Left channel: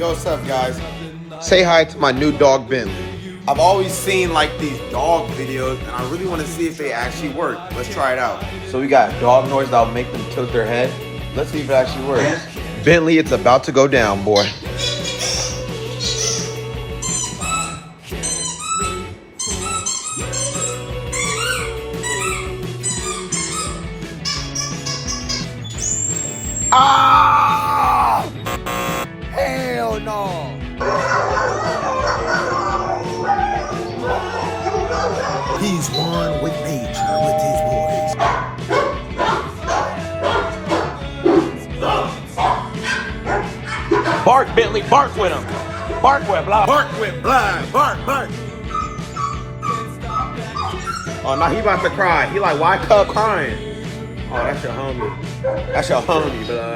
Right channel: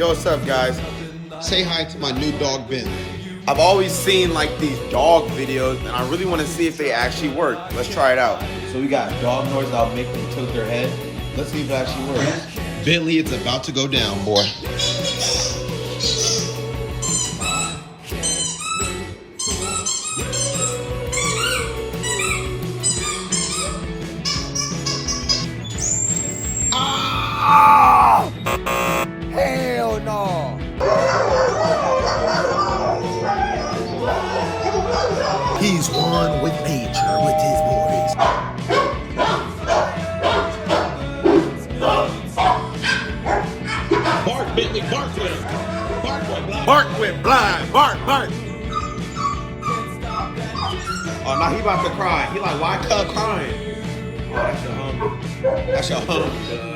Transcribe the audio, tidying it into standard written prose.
Yo, what's up, guys? Say hi to my new dog, Ben. I've always seen like these dog videos, and I really want to see if they actually work. Let's try it out. So we got dog noise that'll make them tilt their head. Let's see if it actually works. Bentley, it's about to go down, boy. Ah! Hell no! He's one with nature with his boys. Bark, Bentley, bark with him. Bark with blind. Bark with blind. Bark, bark. Oh, now he about to cry. He like, why Cub crying? Oh, that's your homie. That's your homie, dog.